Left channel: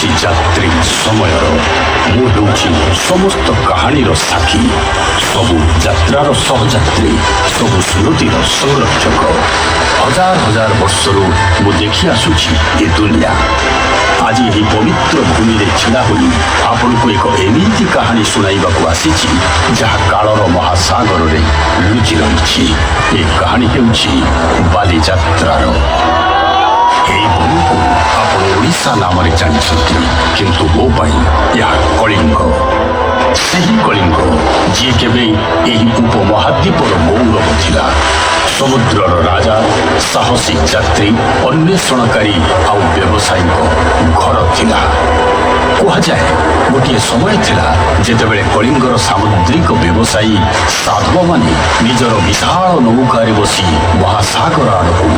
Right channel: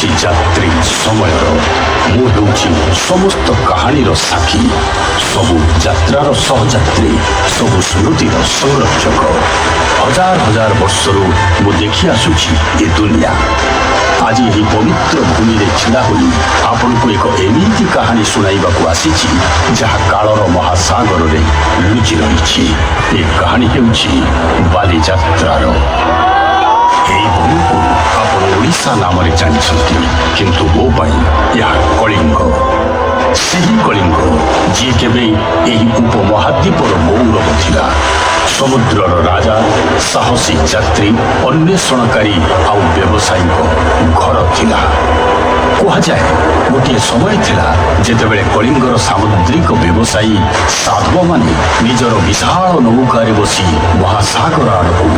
ହେଉଛି ଯାତ୍ରୀ ସମୟର, ମୁଁ ହେଉଛି ସମସ୍ତ କାହାଣୀର ସାକ୍ଷୀ, ସବୁ ଯାତ୍ରାର ସହଯାତ୍ରୀ, ସବୁ ସ୍ମୃତିର ସଂରକ୍ଷକ। ହଜାର ହଜାର ବର୍ଷରୁ ମୁଁ ଦେଖି ଆସୁଛି ଏ ଦୁନିଆ। ଆଜି ଏହି ପବିତ୍ର ଭୂମିରେ ଛିଡ଼ା ହୋଇ ଆପଣଙ୍କୁ ଏକ ଏମିତି କାହାଣୀ ଶୁଣାଇବାକୁ ଆସିଛି ଯାହା କାଳର ମହାସାଗରରେ ଲୁଚି ରହିଛି। ଏ କାହାଣୀ ହେଉଛି ବାଲିଯାତ୍ରାର। ଏହି ଭୂମିକୁ ଆପଣ ଓଡ଼ିଶା ନାମରେ ଜାଣିଛନ୍ତି, କିନ୍ତୁ ମୋ ପାଇଁ ଏହା କଳିଙ୍ଗ। ସେହି କଳିଙ୍ଗ ଯିଏ କେବେ ଏହି ଉପମହାଦ୍ୱୀପର ଗୌରବ ଥିଲା। ସମୁଦ୍ରର ରାଜା, ସାହସୀ ଯାତ୍ରୀ, ଅନ୍ୱେଷଣକାରୀ ଆଉ ବ୍ୟବସାୟୀଙ୍କ ଘର ଥିଲା। କୁହାଯାଏ ଗୋଟିଏ ସମୟ ଥିଲା ଯେତେବେଳେ କଳିଙ୍ଗର ସାମୁଦ୍ରିକ ବ୍ୟବସାୟୀ ସାଧବମାନେ ନିଜର ବିଶାଳ ନୌକାରେ ବସି ମହାସାଗର ଆଡ଼କୁ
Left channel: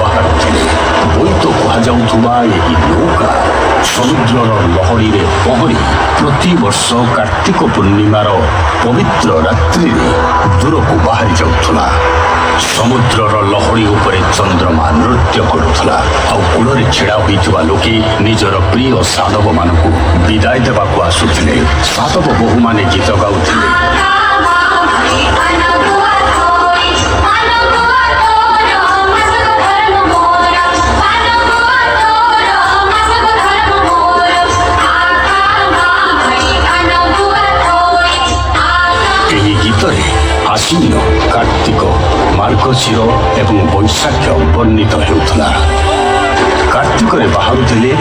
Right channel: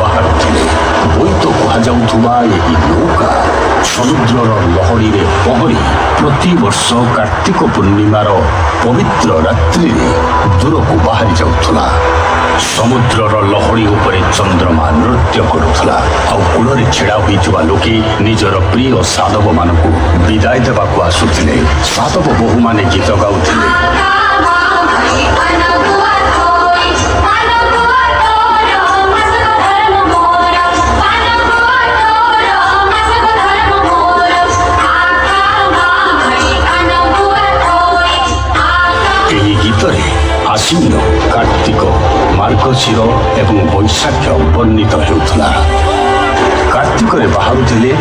ବାହାରୁଥିଲେ। ବୋଇତ କୁହାଯାଉଥିବା ଏହି ନୌକା ସମୁଦ୍ରର ଲହରୀରେ ପହଁରି ପ୍ରତିବର୍ଷ କାର୍ତ୍ତିକ ପୂର୍ଣ୍ଣିମାର ପବିତ୍ର ରାତ୍ରିରେ ଦୂରକୁ ବାହାରି ଯାଉଥିଲା। ସମୁଦ୍ରର ଲହରୀ ଉପରେ ଚନ୍ଦ୍ରମା ନୃତ୍ୟ କରୁଥିଲା, ଆଉ କୂଳରେ ଛିଡ଼ା ହୋଇଥିବା ଲୋକେ ନିଜର ପ୍ରିୟ ସାଧବମାନଙ୍କୁ ବିଦାୟ ଦେବାକୁ ଆସୁଥିଲେ। ସାଧବ ବୋହୂମାନେ ଗୀତ ଗାଉଥିଲେ। ଏହି ଗୀତରେ ଆଶ୍ୱିନ, କାର୍ତ୍ତିକ, ମାର୍ଗଶିର ଏବଂ ବୈଶାଖ ବର୍ଣ୍ଣିତ ହେଉଥିଲା। କାର୍ତ୍ତିକରେ ବାହାରୁଥିଲେ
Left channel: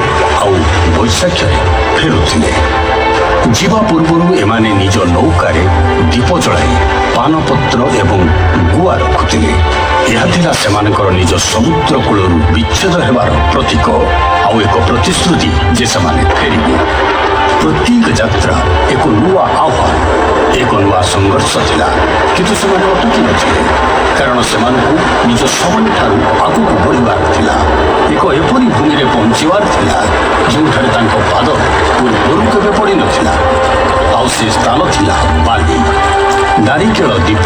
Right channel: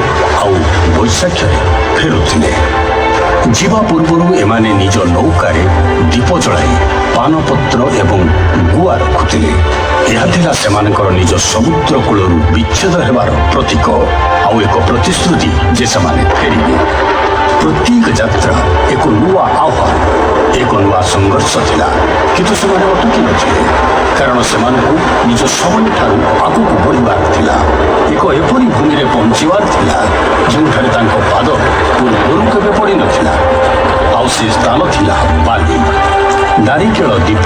ଆଉ ବୈଶାଖରେ ଫେରୁଥିଲେ। ଯିବା ପୂର୍ବରୁ ଏମାନେ ନିଜ ନୌକାରେ ଦୀପ ଜଳାଇ ପାନପତ୍ର ଏବଂ ଗୁଆ ରଖୁଥିଲେ। ଏହା ଥିଲା ସେମାନଙ୍କର ନିଜ ସମୁଦ୍ର କୂଳରୁ ବିଚ୍ଛେଦ ହେବାର ପ୍ରତୀକ, ଆଉ ଏକ ପ୍ରତିଶ୍ରୁତି ଯେ ସେମାନେ ଫେରିବେ। ପ୍ରତ୍ୟେକ ଯାତ୍ରା ଏକ ନୂଆ ଆହ୍ୱାନ, ଏକ ନୂଆ ସଂଘର୍ଷ ଥିଲା, କିନ୍ତୁ ସେମାନେ ଅଟକି ନଥିଲେ, କାରଣ ସେମାନଙ୍କୁ ନିଜ ସମୟଠାରୁ ଆଗକୁ ବଢ଼ିବାର ଥିଲା। ଏକ ଏପରି ଭୂମିରେ ପହଞ୍ଚିବାର ଥିଲା ଯେଉଁଠାରେ ତାଙ୍କ ପାଦ ପୂର୍ବରୁ କେବେ ପଡ଼ିନଥିଲା। ଆଉ ସେ ସ୍ଥାନ ଥିଲା ବାଲି। ନାରିକେଳ ଦ୍ୱୀପ,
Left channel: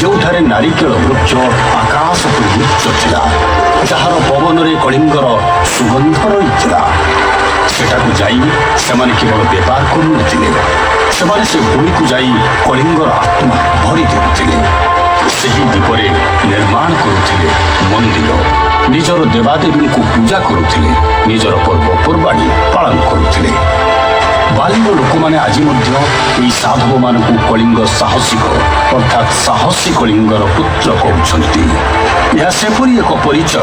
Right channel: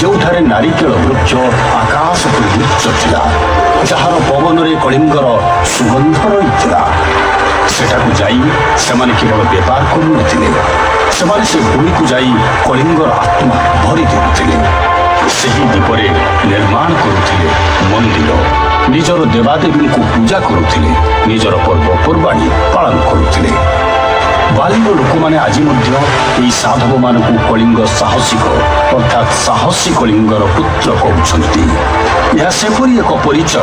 ଯେଉଁଠାରେ ନାରିକେଳ ବୃକ୍ଷ ଆକାଶକୁ ଉଚ୍ଚ ଥିଲା, ଯାହାର ପବନରେ କଳିଙ୍ଗର ସୁଗନ୍ଧ ରହିଥିଲା। ସେଠାକୁ ଯାଇ ସେମାନେ କେବଳ ବେପାର କରୁନଥିଲେ, ସେମାନେ ସେ ଭୂମିକୁ ଯାଇ କଳିଙ୍ଗର ଆତ୍ମା ଭରି ଦେଉଥିଲେ। ସେହି ଦ୍ୱୀପରେ ନିର୍ମାଣ କରୁଥିଲେ ମନ୍ଦିର, ନିଜର ଦେବାଦେବୀଙ୍କୁ ପୂଜା କରୁଥିଲେ, ନିଜର ପର୍ବପର୍ବାଣୀ ପାଳନ କରୁଥିଲେ। ବାଲିର ଲୋକମାନେ ଆଜି ମଧ୍ୟ ଏହି ସାଧବମାନଙ୍କୁ କଳିଙ୍ଗ ସାହସିକ ଅର୍ଥାତ୍ ସାହସୀ କଳିଙ୍ଗର ପୁତ୍ର କହୁଛନ୍ତି। ଏହା ସେପରି ଏକ ପରିଚୟ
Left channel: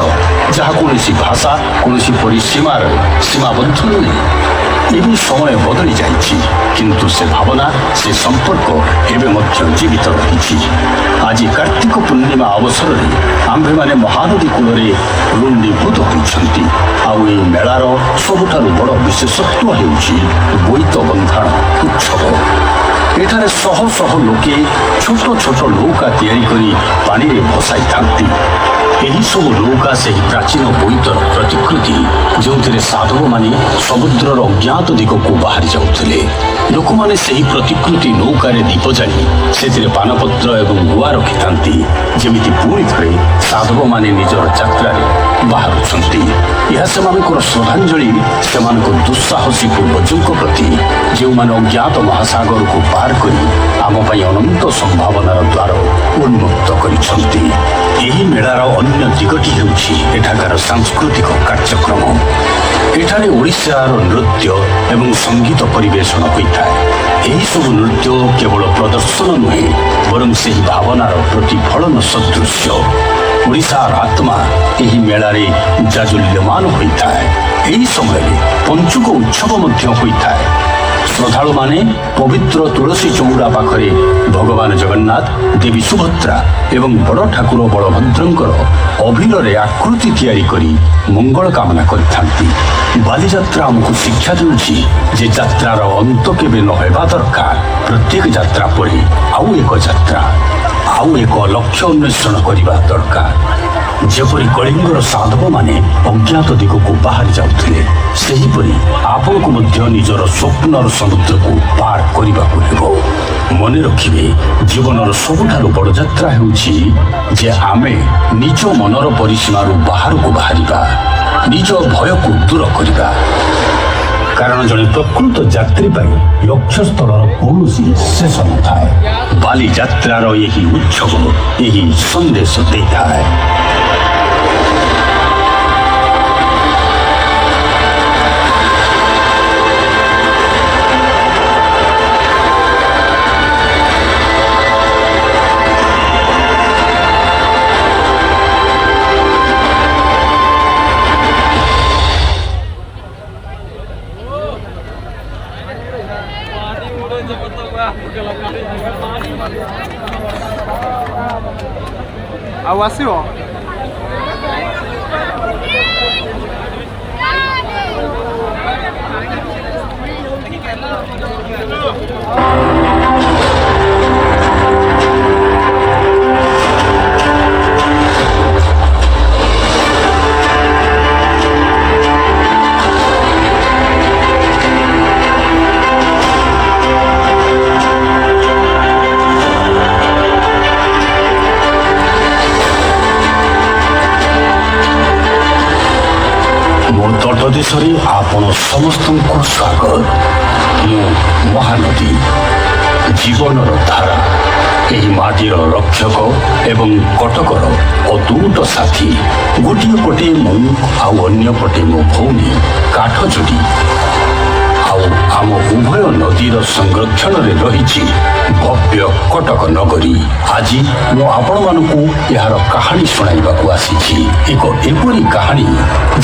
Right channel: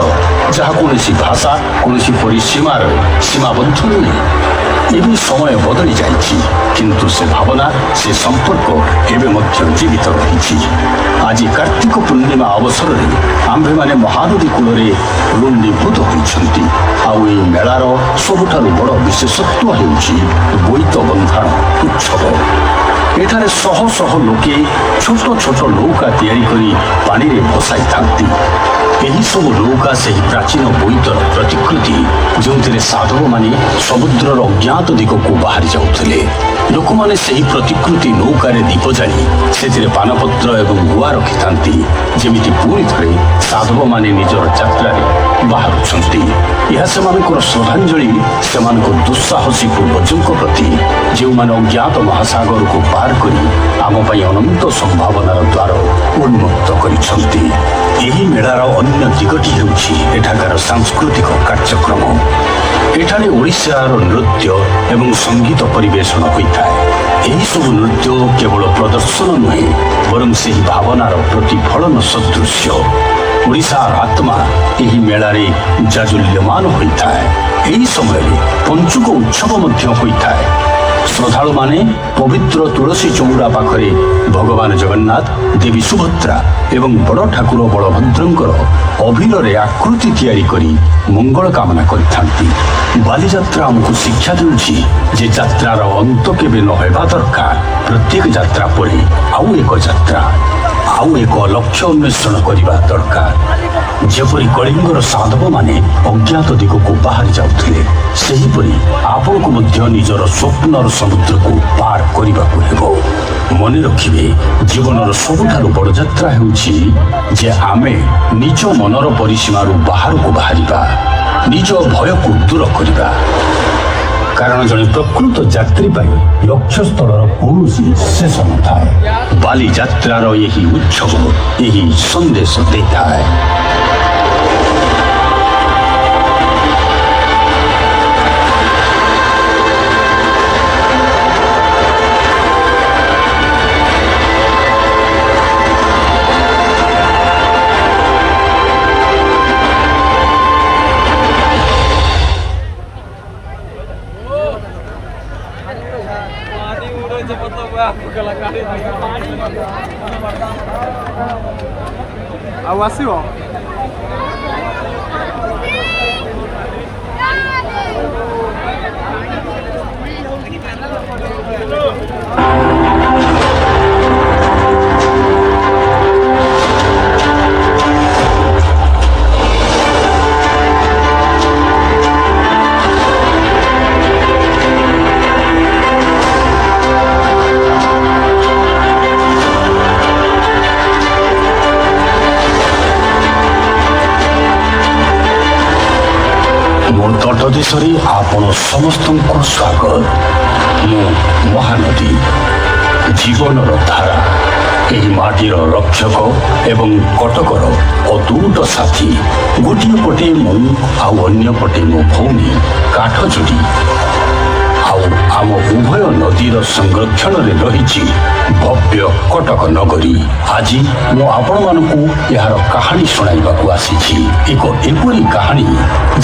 ଯାହା କୌଣସି ଭାଷା, କୌଣସି ପରିସୀମାର ସୀମାବଦ୍ଧ ନୁହେଁ। ଏହି ସମୟ ବଦଳି ଯାଇଛି, କିନ୍ତୁ ସେ ଭାବନା, ସେ ସମ୍ପର୍କ ଏବେ ମଧ୍ୟ ଜୀବିତ ରହିଛି। ଆଜି କାର୍ତ୍ତିକ ପୂର୍ଣ୍ଣିମା ଅବସରରେ ଆମ୍ଭେମାନେ ମହାନଦୀ କୂଳରେ ରୁଣ୍ଡୀଭୂତ ହୋଇଛନ୍ତି। ଆଉ ଏହି ମେଳାର ସବୁଠାରୁ ବଡ଼ ବିଶେଷତ୍ୱ ହେଉଛି ବୋଇତ ବନ୍ଧାଣ ଉତ୍ସବ। ଏଠାରେ ଶହ ଶହ ଲୋକେ ଛୋଟ ଛୋଟ ନୌକା ତିଆରି କରି ପାଣିରେ ଭସାଇଥାନ୍ତି। ଏହିସବୁ ନୌକା ସେହି ପ୍ରାଚୀନ ବୋଇତର ପ୍ରତିକୃତି, ଯେଉଁଥିରେ ସାଧବମାନେ ସମୁଦ୍ରର ଅଜ୍ଞାତ ଦିଗକୁ ବାହାରି ଯାଉଥିଲେ। ଲୋକମାନେ ସେହି ପ୍ରତିକୃତି ନୌକାରେ ଦୀପ ଜାଳି ସେଥିରେ ପାନପତ୍ର ଏବଂ ଗୁଆ ରଖିଥାନ୍ତି, ଯେମିତି ପୁଣି ଥରେ ସାଧବମାନେ ନିଜର ଯାତ୍ରାରେ ବାହାରୁଛନ୍ତି। ଏହା ସେମାନଙ୍କର ଶ୍ରଦ୍ଧାଞ୍ଜଳି ସେମାନଙ୍କ ଦୁଃସାହସୀ ପୂର୍ବଜଙ୍କ ପ୍ରତି, ଯେଉଁମାନେ ଅଜ୍ଞାତ ମହାସାଗରକୁ ପାର କରି ଆମ ପାଇଁ ଅନନ୍ତ ସମ୍ଭାବନାର ଦ୍ୱାର ଉନ୍ମୁକ୍ତ କରିଛନ୍ତି। ଏହି ମେଳାର ଅନ୍ୟ ଦିଗଟି ହେଉଛି ଏଠାକାର ସାଂସ୍କୃତିକ କାର୍ଯ୍ୟକ୍ରମ। ଏଠାରେ ଓଡ଼ିଶାର ନୃତ୍ୟ ଏବଂ ସଙ୍ଗୀତ ପରିବେଷଣ ହୋଇଥାଏ। ଏହିସବୁ ନୃତ୍ୟ କେବଳ ପ୍ରଦର୍ଶନ ନୁହେଁ, ବରଂ ସେହି ଭାବନାର ପ୍ରତିଫଳନ ସଦୃଶ୍ୟ। ଓଡ଼ିଶାର ଆତ୍ମା ଏହି ମେଳାରେ ଜାଜୁଲ୍ୟମାନ ହୋଇଥାଏ। ଏହି ସମୟରେ ପଞ୍ଚୁକ ଉତ୍ସବ ମଧ୍ୟ ହୋଇଥାଏ। ଶ୍ରଦ୍ଧାଳୁମାନେ ପବିତ୍ର ତୁଳସୀ ଚଉଡ଼ା ପାଖରେ ଭଗବାନ ଜଗନ୍ନାଥ, ଦେବୀ ସୁଭଦ୍ରା ଏବଂ ବଡ଼ ଠାକୁର ବଳଭଦ୍ରଙ୍କର ଅଭିରରେ ଆକୃତି ତିଆରି କରି ମଙ୍ଗଳ କାମନା କରିଥାନ୍ତି। ବାଲିଯାତ୍ରା ଆମକୁ ଶିକ୍ଷା ଦେଉଛି ଯେ ଯାତ୍ରାର ଅନ୍ତ କେବେ ନ ହେବା ଦରକାର। ପ୍ରତ୍ୟେକ ଯାତ୍ରା ପରେ ଆଉ ଏକ ଯାତ୍ରା, ଆଉ ଏକ ଲକ୍ଷ୍ୟ ଅନ୍ୱେଷଣ କରିବା ଦରକାର। ଯେପରି କଳିଙ୍ଗର ସାଧବମାନେ ଅଜ୍ଞାତ ଦିଗକୁ ବାହାରି ଯାଉଥିଲେ, ସେହିପରି ଆପଣଙ୍କୁ ମଧ୍ୟ ନିଜର ସ୍ୱପ୍ନର ସମୁଦ୍ରକୁ ପାର କରିବାକୁ ହେବ। ମନେ ରଖିବେ, ଜୀବନର ସବୁଠାରୁ ବଡ଼ ଯାତ୍ରା ହେଉଛି ଯେ ଆମେ ନିଜ ମନର ପରିସୀମାରୁ ବାହାରକୁ ବାହାରିବା, ନିଜ ଭୟକୁ ଦୂର କରିବା। କାରଣ ଜଣେ ପ୍ରକୃତ ଯାତ୍ରୀ ପାଇଁ ଲକ୍ଷ୍ୟସ୍ଥଳର କୌଣସି ଶେଷ ନଥାଏ। ବାଲିଯାତ୍ରାର ଏହି ଉତ୍ସବ ଏହି ସନ୍ଦେଶ ଦେଇଥାଏ। ଆଉ ଆସିବ ତଟଦେଶରେ ଆପଣ ସମସ୍ତଙ୍କୁ ସ୍ୱାଗତ। ମୁଁ ମହାନଦୀ, ଜୀବନର ଧାରା, ଏହି ମାଟିର ରକ୍ଷକ ଏବଂ କଟକର ଅତୁଟ ସାଥୀ। ଗୋଟିଏ ପଟେ ମୁଁ ଆଉ ଅନ୍ୟ ପଟେ ମୋ ଭଉଣୀ କାଠଯୋଡ଼ି। ଆଉ ଆମ ଉଭୟ ନଦୀର ସଂରକ୍ଷଣରେ ରହିଛି ଭବ୍ୟ କଟକ ନଗରୀ। ଆଜି ମୁଁ ଆପଣମାନଙ୍କୁ ଏହାର କାହାଣୀ ଶୁଣାଇବାକୁ ଆସିଛି। ଏକ ଏପରି କାହାଣୀ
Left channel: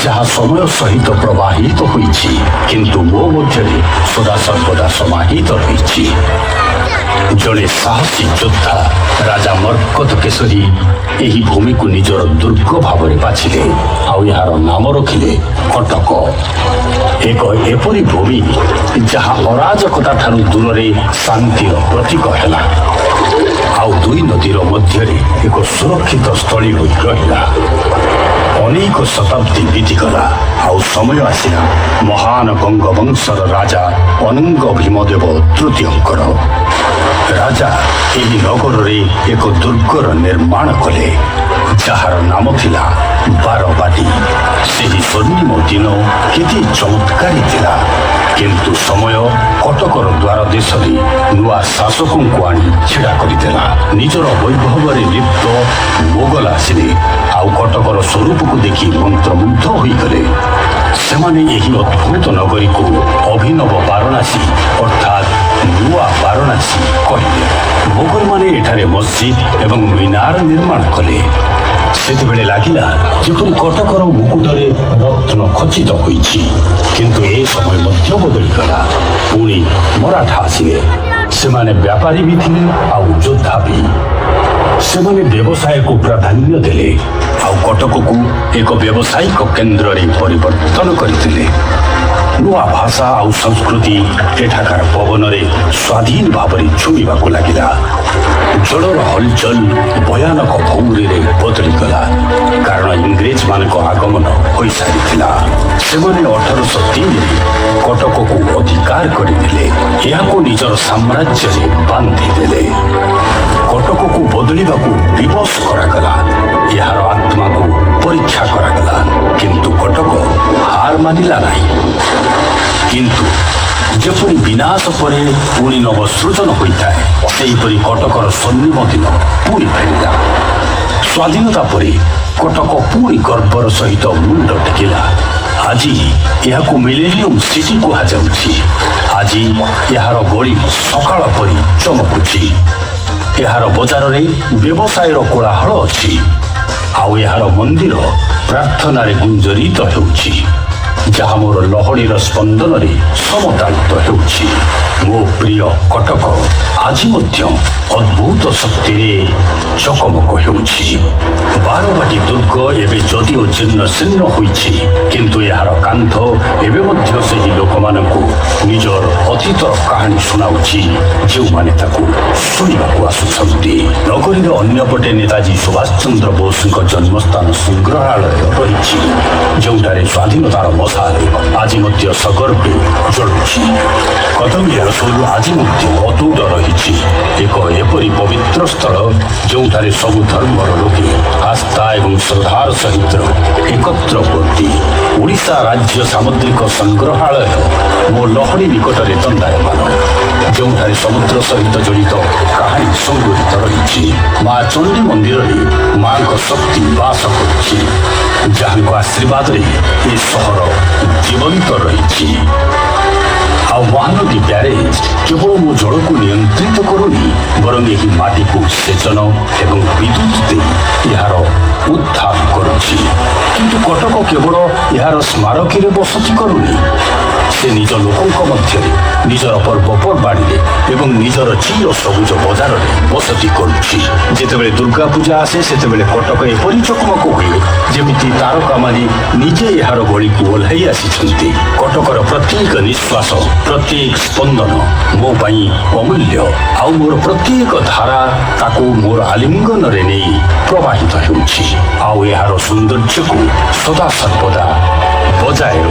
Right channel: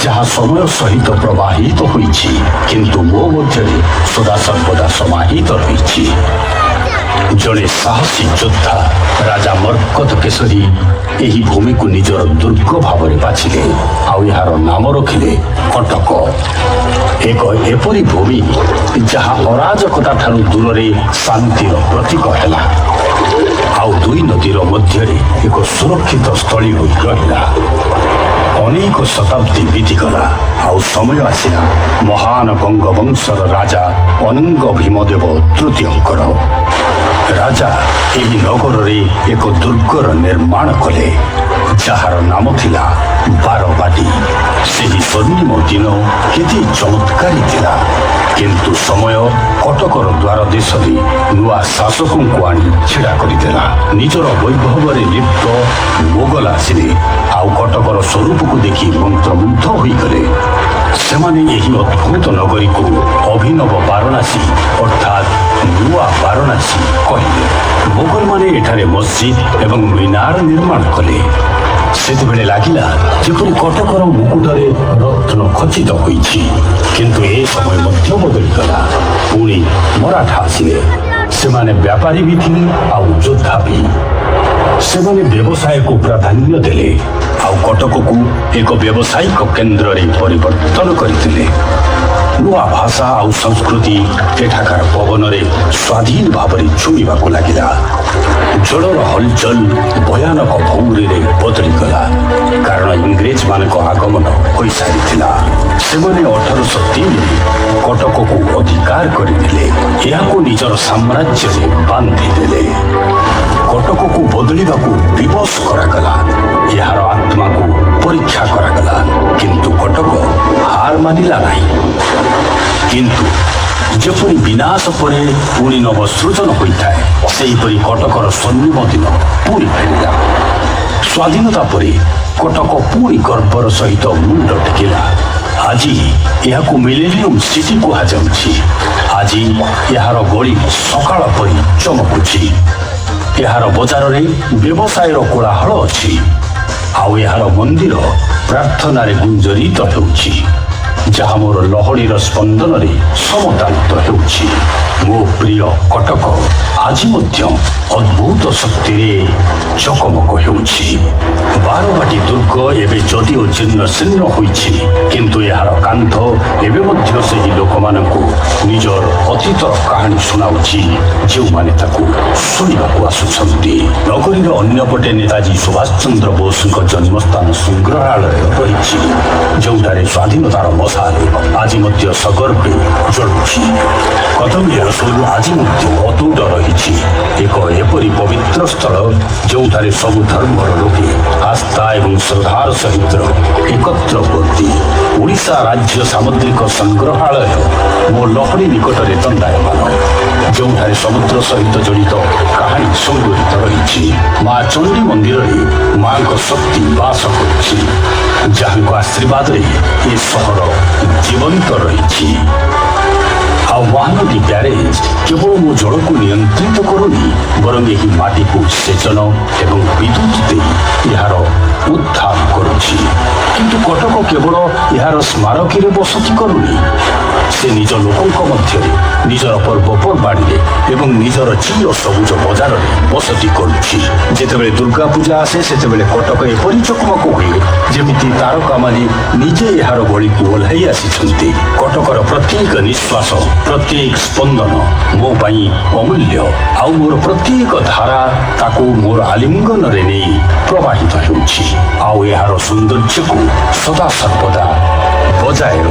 ଯାହା ସମୟ ସହିତ ପ୍ରବାହିତ ହୋଇଛି, କିନ୍ତୁ ମୋ ମଧ୍ୟରେ ସଦାସର୍ବଦା ସମାହିତ ରହିଛି। ଜଣେ ସାହସୀ ଯୋଦ୍ଧା ରାଜା ମର୍କତ କେଶରୀ ଏହି ଭୂମିକୁ ନିଜର ଦୁର୍ଗ ଭାବରେ ବାଛିଲେ, ଆଉ ଏହାର ନାମ ରଖିଲେ କଟକ। ଏକ ଏପରି ଭୂମି ଯାହା ଅରାଜକତା ଠାରୁ ଦୂରରେ ଶାନ୍ତିର ପ୍ରତୀକ ହେଲା, ଆଉ ଦୁଇ ନଦୀର ମଧ୍ୟରେ ଏକ ସୁରକ୍ଷିତ ସ୍ଥଳୀ ହୋଇ ରହିଲା। ଅନେକ ଶତାବ୍ଦୀ ବିତିଗଲା, ଆଉ ସମୟ ଆସିଲା ମହାନ ଗଙ୍ଗବଂଶର ରାଜା ଅନଙ୍ଗ ଭୀମଦେବ ତୃତୀୟଙ୍କର। ରାଜା ଏହି ନଗରରେ ଏକ ଦୁର୍ଗର ନିର୍ମାଣ କଲେ, ଯାହାର ନାମ ଥିଲା ବାରବାଟୀ। ସେହି ସ୍ୱର୍ଣ୍ଣିମ ଦିନ କେତେ ଚମତ୍କାରୀ ଥିଲା, କିନ୍ତୁ ସମୟ କଟକର ଦ୍ୱାର ଦେଶରେ ନୂଆ ଶାସକଙ୍କୁ ଆଣି ଛିଡ଼ା କରିଦେଲା। ନିଜର ବୈଭବରେ ଲିପ୍ତ ମୋଗଲ ଆସିଲେ, ଆଉ କଟକର ସ୍ୱରୂପକୁ ଦେଖି ମନ୍ତ୍ରମୁଗ୍ଧ ହୋଇଗଲେ। ସେମାନେ ଏହି ଅଦ୍ଭୁତ ନଗରୀକୁ ଅଭିନବ ବାରାଣସୀ ଅର୍ଥାତ୍ ନୂଆ ବାରାଣସୀ କହିଲେ। ମୋଗଲମାନେ ଏଠାରେ ମସଜିଦ ଏବଂ ମିନାର ନିର୍ମାଣ କଲେ। ସେତେବେଳେ ଲାଗିଲା ଯେପରି କଟକର ମୁକୁଟରେ ରତ୍ନ ଖଚିତ ହୋଇଛି। କିନ୍ତୁ ଏ ସମୟ ମଧ୍ୟ ବଦଳିଗଲା। ପୁଣି ମରାଠା ଆସିଲେ। ସେମାନେ ବ୍ୟାପାରୀ ବି ଥିଲେ ଆଉ ଯୋଦ୍ଧା ବି। ସେମାନେ ବ୍ୟବସାୟକୁ ପ୍ରାଧାନ୍ୟ ଦେଲେ, ଆଉ କଟକକୁ ଏକ ବ୍ୟବସାୟିକ କେନ୍ଦ୍ରରେ ପରିବର୍ତ୍ତନ କରିଥିଲେ। ନୂଆ ଭାଷା ଆଉ ସଂସ୍କୃତି ଏଠାକାର ପବନରେ ସ୍ୱାଧୀନ ଭାବରେ ଛୁଇଁବାକୁ ଲାଗିଲା। ଜଳର ହଲଚଲ ଭୟାନକ ଭୌରୀରେ ବଦଳିଗଲା, କାରଣ ଇଂରେଜମାନଙ୍କ ଆଗମନ ହୋଇସାରିଥିଲା। ସେମାନେ 1803ରେ କଟକକୁ ଅଧିକାର କରିନେଲେ, ଏହାକୁ ନିଜର ସାମ୍ରାଜ୍ୟରେ ବାନ୍ଧିଦେଲେ। କଟକକୁ ବଦଳିବାକୁ ଦିବସ କରାଗଲା, ଏହାର ଆତ୍ମାକୁ ପରୀକ୍ଷା କରାଗଲା, କିନ୍ତୁ କଟକ ହାର ମାନିଲା ନାହିଁ। କିନ୍ତୁ ଯେପରି ବିନାଶ ପରେ ପୁଣି ନବସୃଜନ ହୋଇଥାଏ, ସେହିପରି କଟକର ସ୍ୱର୍ଣ୍ଣିମ ଦିନ ପୁଣି ଫେରିଲା। ସ୍ୱାଧୀନତା ପରେ କଟକ ପୁଣି ଗର୍ବର ସହିତ ମୁଣ୍ଡ ଟେକିଲା। ଆଜି ଏହାକୁ ମିଲେନିୟମ ସିଟି କୁହାଯାଉଛି। ଆଜି ଏହାର ଗଳି ସକାଳ ପରି ଚମକୁଛି। ଏହାର ବଜାରରେ ବ୍ୟବସାୟର କୋଳାହଳ ଅଛି, ଆଉ ଏହାର ମନ୍ଦିର ପ୍ରାର୍ଥନାରେ ଗୁଞ୍ଜରିତ ହେଉଛି, ଯାହା ମୋର ଲହଡିର ସ୍ପନ୍ଦନରେ ସମତାଳିତ ହେଉଛି। ମୋ ପ୍ରିୟ କଟକ ଆଜି ମଧ୍ୟ ଅଦ୍ଭୁତ ଶକ୍ତିରେ ଚକମକ ହେଉଛି। ବାରବାଟୀ ଦୁର୍ଗ ଏବେ ଯଦିଓ ଜୀର୍ଣ୍ଣ ଶୀର୍ଣ୍ଣ ହୋଇଛି, କିନ୍ତୁ ଏହାର କାନ୍ଥ ଏବେ ମଧ୍ୟ ସେହି ଲୋକମାନଙ୍କୁ ନିଜର ଅତୀତର କାହାଣୀ ଶୁଣାଉଛି, ଯେଉଁମାନେ ତାକୁ ଶୁଣିବାକୁ ଆସୁଛନ୍ତି। ନଗରୀର ଅନ୍ୟପଟେ ନେତାଜୀ ସୁଭାଷ ଚନ୍ଦ୍ର ବୋଷଙ୍କ ଜନ୍ମସ୍ଥାନ ସଂଗ୍ରହାଳୟ ରହିଛି, ଯେଉଁଠାରେ ସ୍ୱାଧୀନତାର ମଶାଲ ଆଜି ମଧ୍ୟ ସଗର୍ବେ ଜଳୁଛି। କଦମିଆର ସବୁ ଆଜି ମଧ୍ୟ ଅତୁଟ ରହିଛି। ଏକ ଏପରି ପବିତ୍ର ସ୍ଥଳ ଯେଉଁଠାରେ ସବୁ ଧର୍ମର ଲୋକେ ଆସ୍ଥା ଏବଂ ଶ୍ରଦ୍ଧାର ସହିତ ଏକତ୍ର ହୁଅନ୍ତି। ଓଡ଼ିଶା ରାଜ୍ୟ ସାମୁଦ୍ରିକ ସଂଗ୍ରହାଳୟ ମୋ ଲହଡ଼ି ନିକଟରେ ଦଣ୍ଡାୟମାନ, ଯେଉଁଠାରେ ସମୁଦ୍ର ସହିତ ଜଡ଼ିତ କାହାଣୀ ସଂଗଠିତ ରହିଛି। ମା ଚଣ୍ଡୀ ମନ୍ଦିରରେ ମାଙ୍କ ଶକ୍ତି ବାସ କରୁଛି, ଯାହାଙ୍କ ଆଶୀର୍ବାଦରେ ଏ ସହର ଜୀବନ୍ତ ରହିଛି। ଆଉ ମହାନଦୀ ବ୍ୟାରେଜ କେବଳ ମୋ ଜଳକୁ ନିୟନ୍ତ୍ରିତ କରୁନି, ବରଂ ଏହି ମାଟିକୁ ସେଚନ ଏବଂ ବିଦ୍ୟୁତ୍ ଦେଇ ଏହାର ଉଦ୍ଧାର କରୁଛି। କିନ୍ତୁ କଟକ କେବଳ ଏହାର ସ୍ମାରକୀରେ ବସତି କରୁନି, ସେ ନିଜ ଲୋକଙ୍କ ମଧ୍ୟରେ, ନିଜର ପର୍ବପର୍ବାଣୀରେ ଏବଂ ନିଜର ଚିର ସବୁଜ ବଜାରରେ ବସତି କରୁଛି। ଯେତେବେଳେ ଦୁର୍ଗା ପୂଜା ଆସେ ସେତେବେଳେ କଟକ ଏପରି ଚକମକ ହୁଏ ଯେମିତି ତାରକାମାନେ ନିଜେ ଏହାର ଗଳିକୁ ଓହ୍ଲାଇ ଆସିଛନ୍ତି। କଟକର ପ୍ରତ୍ୟେକ ନିଶ୍ୱାସ, ପ୍ରତ୍ୟେକ ସ୍ପନ୍ଦନ ମୋ ପାଇଁ ଅମୂଲ୍ୟ। ଆଉ ମୋର ପ୍ରତ୍ୟେକ ଧାରା ତାକୁ ମୋର ଆଲିଙ୍ଗନରେ ନେଇ ପ୍ରବାହିତ ହେଉଛି। ଆଉ ଏହାର ସୌନ୍ଦର୍ଯ୍ୟକୁ ସଦାସର୍ବଦା ବଜାୟ